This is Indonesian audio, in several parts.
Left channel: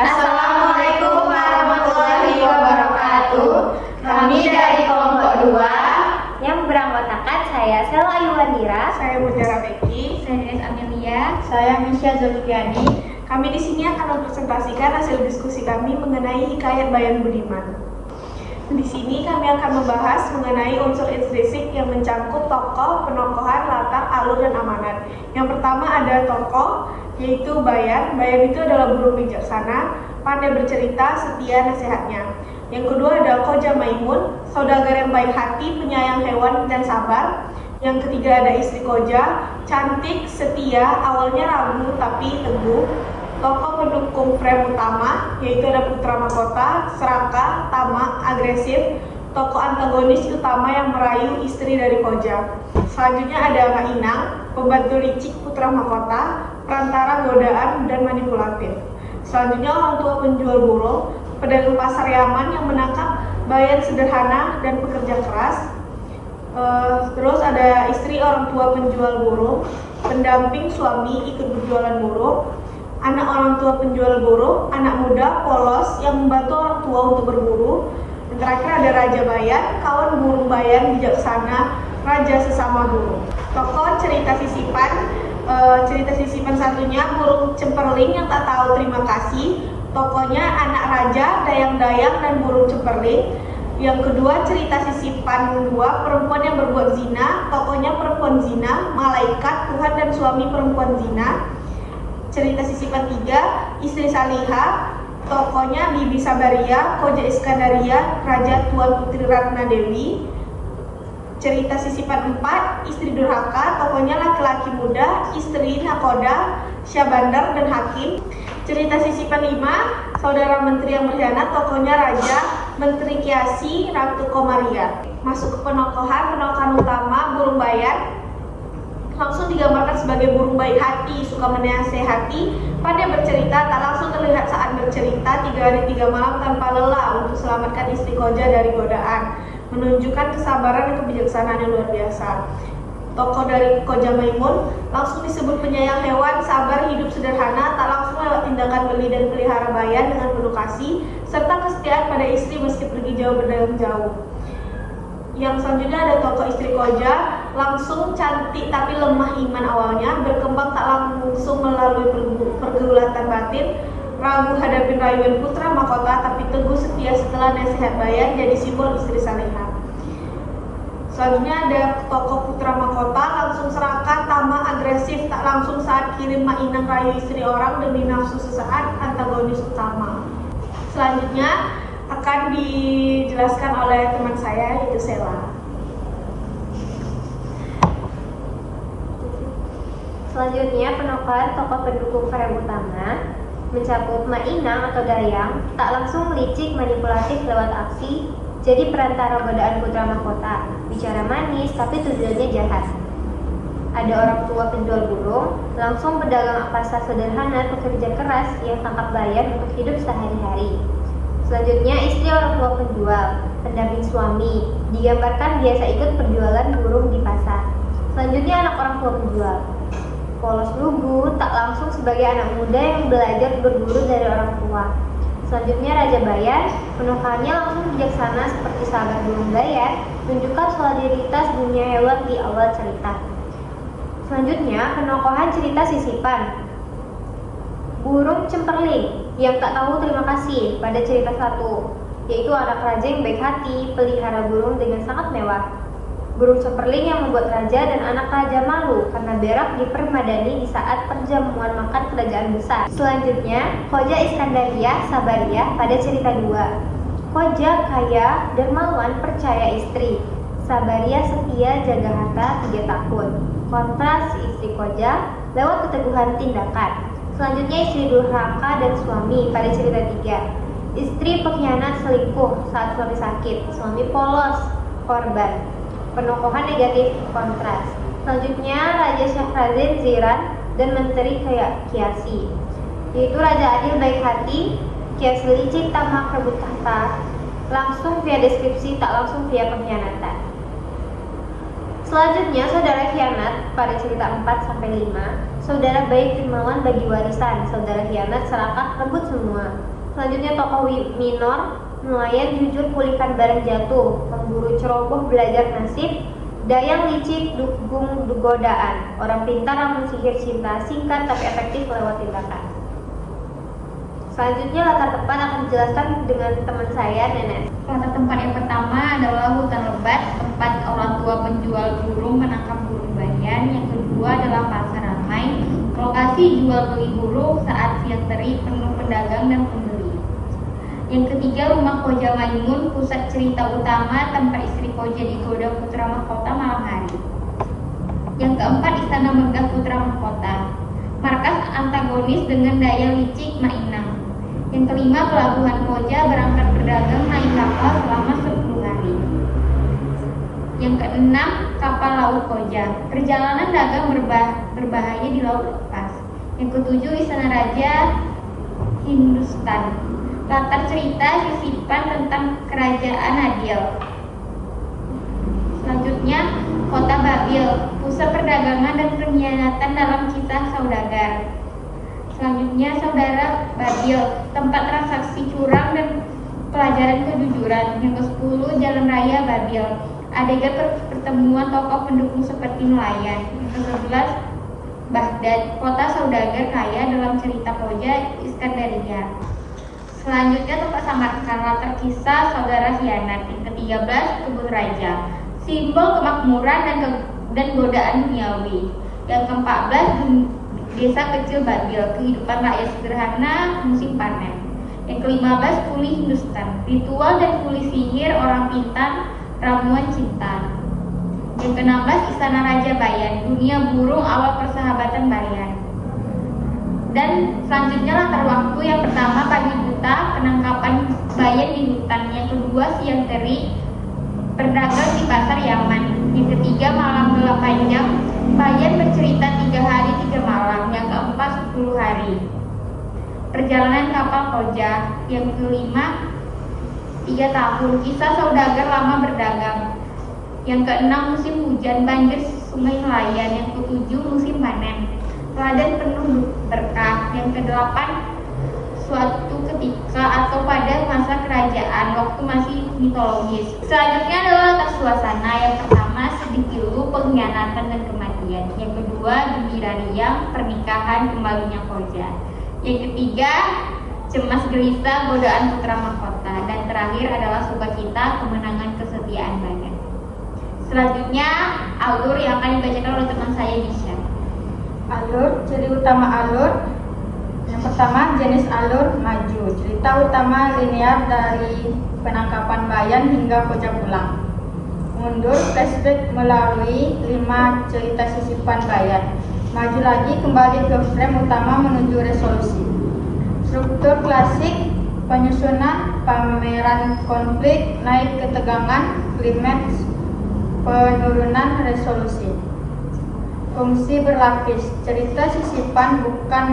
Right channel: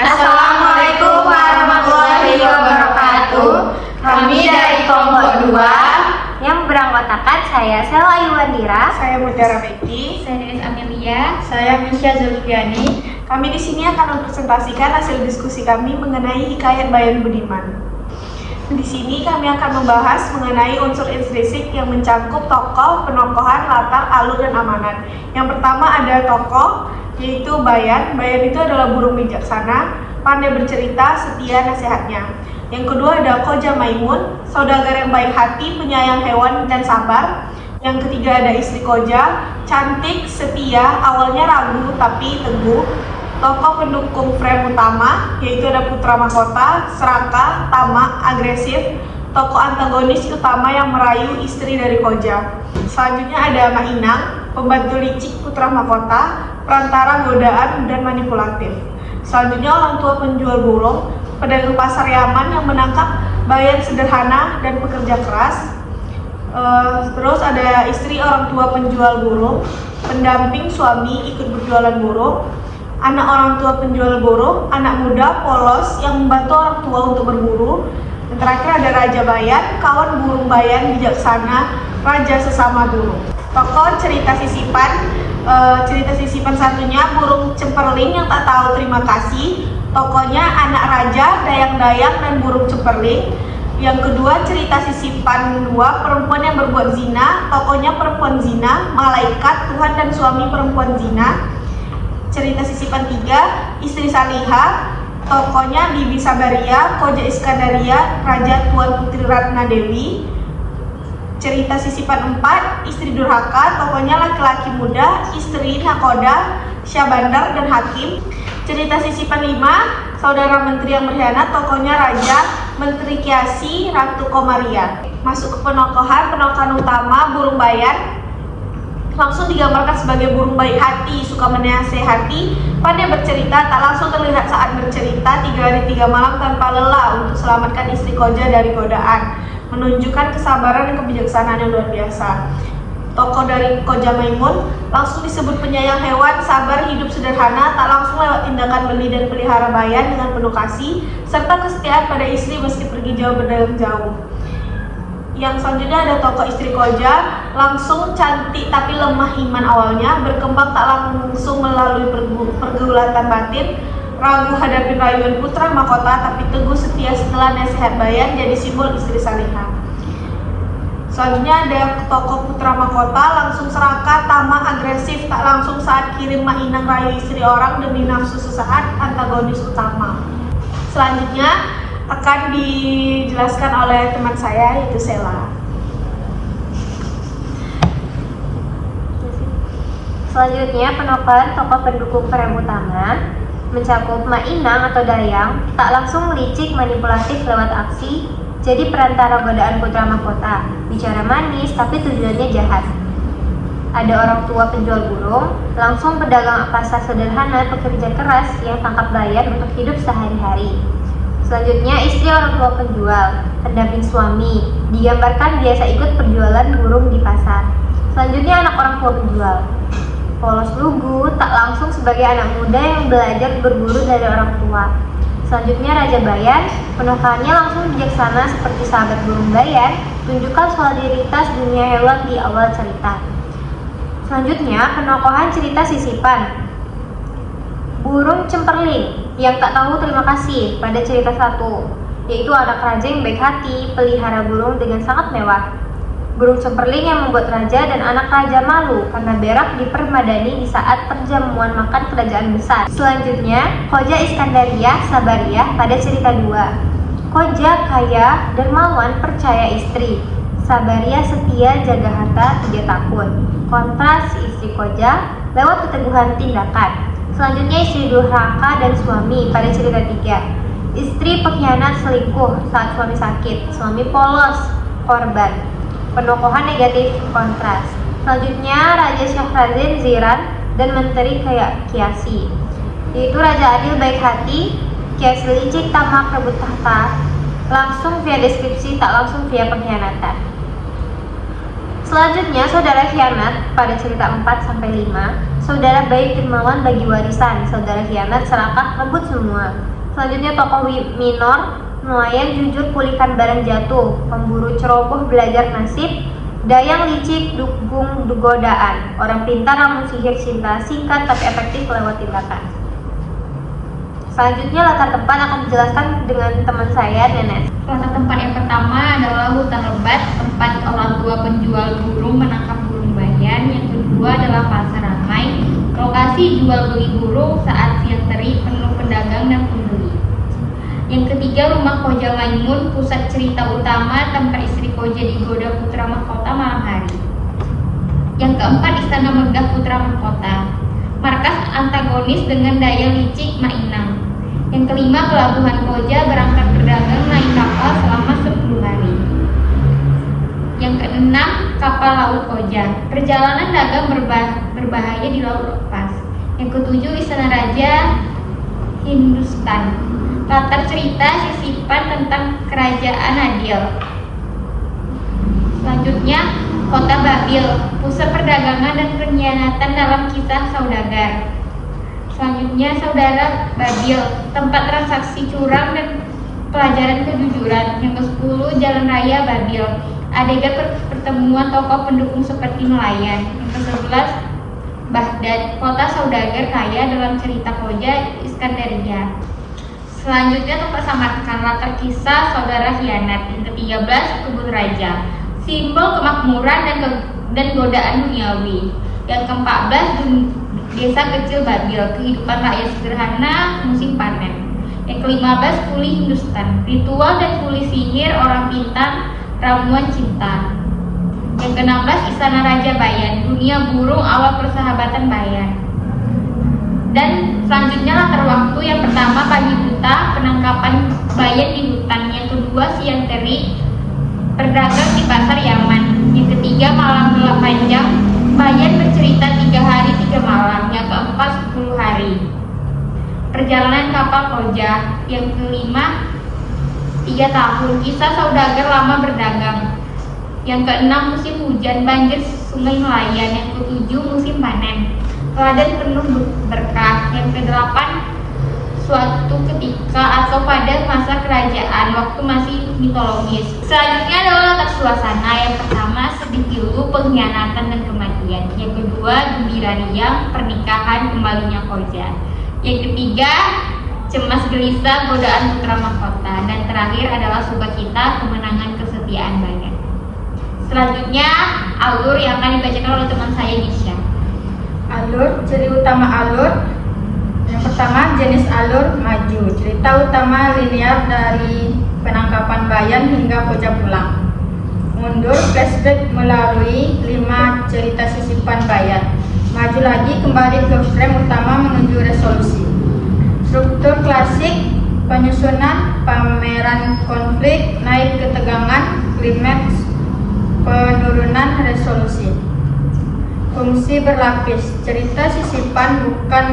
Assalamualaikum warahmatullahi wabarakatuh. Kami dari kelompok 2 yang beranggotakan saya Sela Iwandira, saya Mutiara Beki, saya Denis Amelia, saya Misha Zulfiani. Kami di sini akan mempresentasikan hasil diskusi kami mengenai hikayat Bayan Budiman. Di sini kami akan membahas mengenai unsur intrinsik yang mencakup tokoh, penokohan, latar, alur, dan amanan. Yang pertama ada tokoh, yaitu Bayan. Bayan itu adalah burung bijaksana, pandai bercerita, setia nasihatnya. Yang kedua ada Koja Maimun, saudagar yang baik hati, penyayang hewan, dan sabar. Yang ketiga ada istri Koja, cantik, setia, awalnya ragu tapi teguh. Tokoh pendukung frame utama, yaitu ada putra mahkota, serakah, tamak, agresif. Tokoh antagonis utama yang merayu istri dari Koja. Selanjutnya ada Mainang, pembantu licik putra mahkota, perantara godaan dan manipulatif. Selanjutnya orang tua penjual burung, pedagang pasar Yaman yang menangkap Bayan sederhana dan pekerja keras. Terus ada istri orang tua penjual burung, pendamping suami ikut berjualan burung. Anak orang tua penjual burung, anak muda polos yang membantu orang tua untuk berburu. Dan terakhir ada Raja Bayan, kawan burung Bayan bijaksana, raja sesama burung. Tokoh cerita sisipan satunya burung cemperling yang tak tahu terima kasih. Tokohnya anak raja, dayang-dayang, dan burung cemperling. Yang kedua cerita sisipan 2, perempuan yang berbuat zina. Tokohnya perempuan zina, malaikat, Tuhan dan suami perempuan zina. Cerita sisipan 3, istri Salihah. Tokohnya Bibi Sabaria, Koja Iskandaria, Raja Tuan Putri Ratna Dewi. Cerita sisipan 4, istri Durhaka. Tokohnya laki-laki muda, istri Nakoda, Syabandar dan Hakim. Cerita sisipan 5, saudara menteri yang berkhianat. Tokohnya Raja, Menteri Kiasi, Ratu Komaria. Masuk ke penokohan utama burung Bayan. Langsung digambarkan sebagai burung baik hati, suka menasehati, pandai bercerita, tak langsung terlihat saat bercerita, 3 hari 3 malam tanpa lelah untuk selamatkan istri Koja dari godaan, menunjukkan kesabaran dan kebijaksanaan yang luar biasa. Tokoh dari Koja Maimun langsung disebut penyayang hewan, sabar, hidup sederhana, tak langsung lewat tindakan beli dan pelihara Bayan dengan penuh kasih, serta kesetiaan pada istri meski pergi jauh berdagang jauh. Yang selanjutnya ada tokoh istri Koja, langsung cantik tapi lemah iman awalnya, berkembang tak langsung melalui pergulatan batin, ragu hadapi rayuan putra mahkota tapi teguh setia setelah nasihat Bayan, jadi simbol istri Salihah. Selanjutnya ada tokoh putra mahkota, langsung serakah, tamak, agresif, tak langsung saat kirim Mainang rayu istri orang demi nafsu sesaat, antagonis utama. Selanjutnya akan dijelaskan oleh teman saya, yaitu Sela. Selanjutnya penokohan tokoh pendukung frame utama mencakup Mainang atau Dayang, tak langsung licik manipulatif lewat aksi, jadi perantara godaan putra mahkota, bicara manis tapi tujuannya jahat. Ada orang tua penjual burung, langsung pedagang pasar sederhana, pekerja keras yang tangkap Bayan untuk hidup sehari-hari. Selanjutnya istri orang tua penjual, pendamping suami, digambarkan biasa ikut perjualan burung di pasar. Selanjutnya anak orang tua penjual, polos lugu, tak langsung sebagai anak muda yang belajar berburu dari orang tua. Selanjutnya Raja Bayan, penokohannya langsung bijaksana seperti sahabat burung Bayan, tunjukkan solidaritas dunia hewan di awal cerita. Selanjutnya penokohan cerita sisipan, burung cemperling yang tak tahu terima kasih pada cerita 1, yaitu anak raja yang baik hati, pelihara burung dengan sangat mewah. Burung cemperling yang membuat raja dan anak raja malu karena berak dipermadani di saat perjamuan makan kerajaan besar. Selanjutnya, Koja Iskandaria, Sabaria pada cerita 2. Koja kaya, dermawan, percaya istri. Sabaria setia, jaga harta, tidak takut. Kontras istri Koja lewat keteguhan tindakan. Selanjutnya istri Durhaka dan suami pada cerita 3. Istri pengkhianat, selingkuh saat suami sakit, suami polos, korban. Penokohan negatif, kontras. Selanjutnya Raja Syahrazad, Ziran, dan Menteri Kiasi, yaitu Raja Adil baik hati, Kiasi licik, tamak, rebut tahta, langsung via deskripsi, tak langsung via pengkhianatan. Selanjutnya, saudara khianat pada cerita 4-5. Saudara baik dermawan bagi warisan, saudara khianat serakah rebut semua. Selanjutnya, tokoh minor, nelayan jujur pulihkan barang jatuh, pemburu ceroboh belajar nasib, dayang licik dukung godaan, orang pintar namun sihir cinta, singkat tapi efektif lewat tindakan. Selanjutnya, latar tempat akan dijelaskan dengan teman saya, Nenes. Latar tempat yang pertama adalah hutan lebat, tempat orang tua penjual burung menangkap burung bayan. Yang kedua adalah pasar ramai, lokasi jual beli burung saat siang terik, penuh pedagang dan pembeli. Yang ketiga, rumah Koja Maimun, pusat cerita utama, tempat istri Koja digoda putra mahkota malam hari. Yang keempat, istana megah putra mahkota, markas antagonis dengan daya licik Mainang. Yang kelima, pelabuhan Koja, berangkat berdagang naik kapal selama 10 hari. Yang keenam, kapal laut Koja, perjalanan dagang berbahaya di laut lepas. Yang ketujuh, istana raja Hindustan, latar cerita sisipan tentang kerajaan Adil. Selanjutnya, kota Babil, pusat perdagangan dan pengkhianatan dalam kisah saudagar. Selanjutnya, saudara Babil, tempat transaksi curang dan pelajaran kejujuran. Yang ke-10, jalan raya Babil, adegan pertemuan tokoh pendukung seperti nelayan. Yang ke-11, Baghdad, kota saudagar kaya dalam cerita Koja Iskandaria. Selanjutnya, tempat Samarkand, latar kisah saudara khianat. Yang ke-13, kebun raja, simbol kemakmuran dan godaan duniawi. Yang ke-14, desa kecil Babil, kehidupan rakyat sederhana musim panen. Yang ke-15, kuli Hindustan, ritual dan kuli sihir orang pintar, ramuan cinta. Yang ke-16, istana raja Bayan, dunia burung awal persahabatan Bayan. Dan selanjutnya, latar waktu yang pertama pagi buta, penangkapan Bayan di hutan. Yang kedua, siang terik, berdagang di pasar Yaman. Yang ketiga, malam gelap panjang, Bayan bercerita 3 hari 3 malam. Yang keempat, 10 hari, perjalanan kapal Koja. Yang kelima, 3 tahun, kisah saudagar lama berdagang. Yang keenam, musim hujan, banjir sungai nelayan. Yang ketujuh, musim panen, ladang penuh berkah. Yang kedelapan, suatu ketika atau pada masa kerajaan, waktu masih mitologis. Selanjutnya adalah latar suasana. Yang pertama, sedih pilu, pengkhianatan dan kematian. Yang kedua, gembira riang, pernikahan kembalinya Koja. Yang ketiga, cemas gelisah, godaan putra mahkota. Dan terakhir adalah sukacita, kemenangan kesetiaan Bayan. Selanjutnya, alur yang akan dibacakan oleh teman saya, Gisha. Alur, ciri utama alur. Yang pertama, jenis alur maju, cerita utama linear dari penangkapan Bayan hingga Koja pulang. Mundur, flashback melalui 5 cerita sisipan Bayan. Maju lagi, kembali ke frame utama menuju resolusi. Struktur klasik, penyusunan, pameran konflik, naik ketegangan, klimaks, penurunan resolusi. Fungsi berlapis, cerita sisipan bukan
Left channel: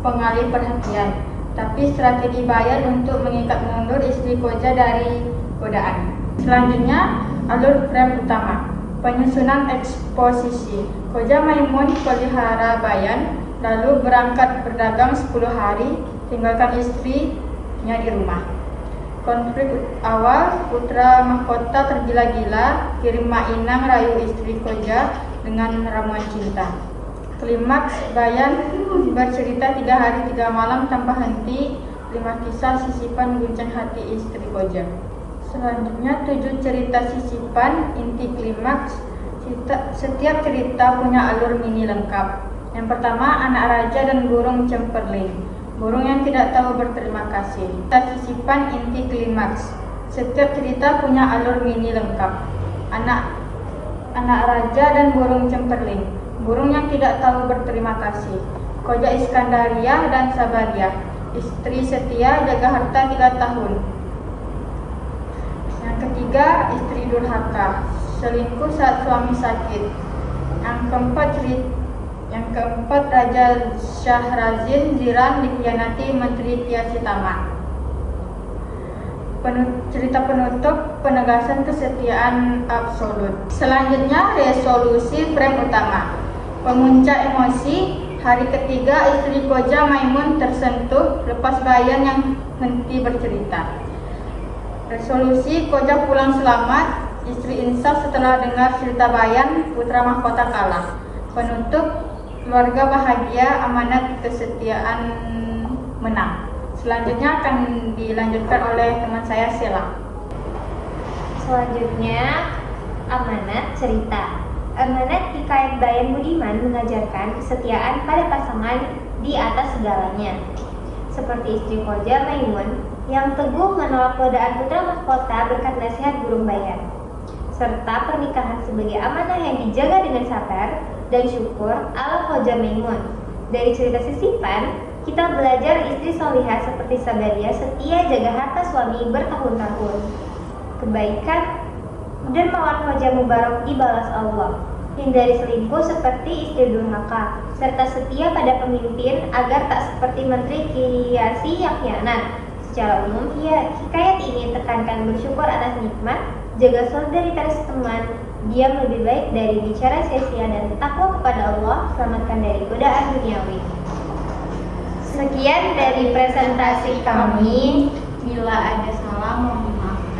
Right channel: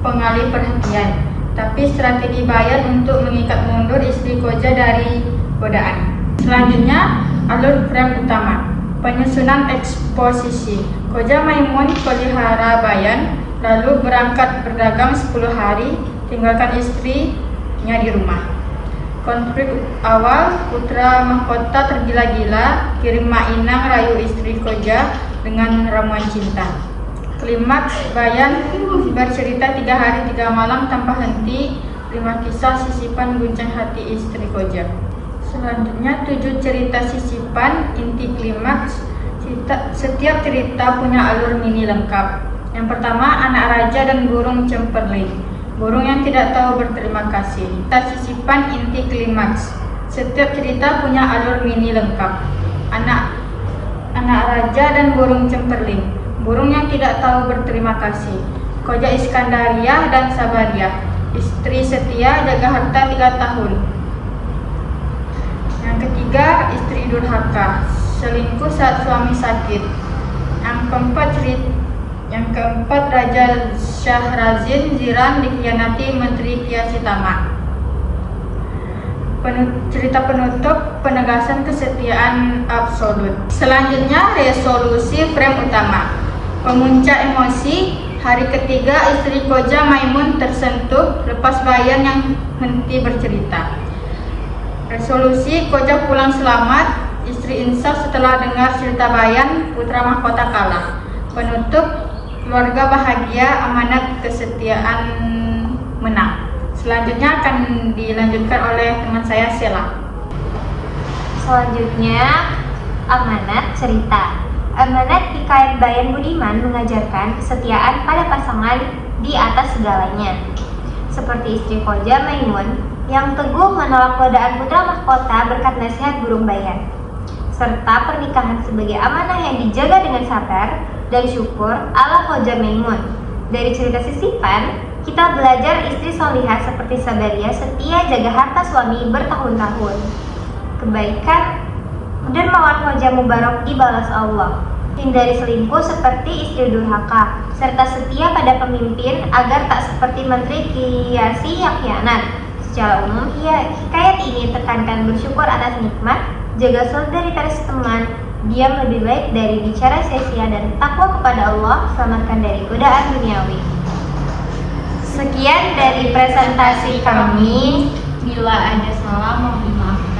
pengalih perhatian, tapi strategi Bayan untuk mengikat mundur istri Koja dari godaan. Selanjutnya, alur frame utama, penyusunan eksposisi. Koja Maimun pelihara Bayan, lalu berangkat berdagang 10 hari, tinggalkan istrinya di rumah. Konflik awal, putra mahkota tergila-gila, kirim Mainang rayu istri Koja dengan ramuan cinta. Klimaks, Bayan bercerita 3 hari 3 malam tanpa henti, 5 kisah sisipan guncang hati istri Koja. Selanjutnya, 7 cerita sisipan, inti klimaks. Setiap cerita punya alur mini lengkap. Yang pertama, anak raja dan burung cemperling, burung yang tidak tahu berterima kasih. Cerita sisipan, inti klimaks. Setiap cerita punya alur mini lengkap. Anak raja dan burung cemperling, burung yang tidak tahu berterima kasih. Koja Iskandaria dan Sabadia, istri setia jaga harta 3 tahun. Yang ketiga, istri durhaka, selingkuh saat suami sakit. Yang keempat, Raja Syahrazin Ziran dikhianati Menteri Kiasitama. cerita penutup penegasan kesetiaan absolut. Selanjutnya resolusi frame utama. Pemuncak emosi, hari ketiga istri Koja Maimun tersentuh lepas Bayan yang henti bercerita. Resolusi Koja pulang selamat, istri insaf setelah dengar cerita Bayan, putra mahkota kalah. Penutup, keluarga bahagia, amanat kesetiaan menang. Selanjutnya akan dilanjutkan oleh teman saya Sela. Selanjutnya, amanat cerita. Amanat hikayat Bayan Budiman mengajarkan kesetiaan pada pasangan di atas segalanya. Seperti istri Koja Maimun yang teguh menolak godaan putra mahkota berkat nasihat burung Bayan. Serta pernikahan sebagai amanah yang dijaga dengan sabar dan syukur ala Koja Maimun. Dari cerita sisipan, kita belajar istri solihah seperti Sabaria setia jaga harta suami bertahun-tahun. Kebaikan dan mawar Koja Mubarok dibalas Allah. Hindari selingkuh seperti istri durhaka, serta setia pada pemimpin agar tak seperti menteri kiasi yang khianat. Secara umum, hikayat ini tekankan bersyukur atas nikmat, jaga solidaritas teman, diam lebih baik dari bicara sia-sia, dan takwa kepada Allah, selamatkan dari godaan duniawi. Sekian dari presentasi kami. Bila ada salah mohon maaf.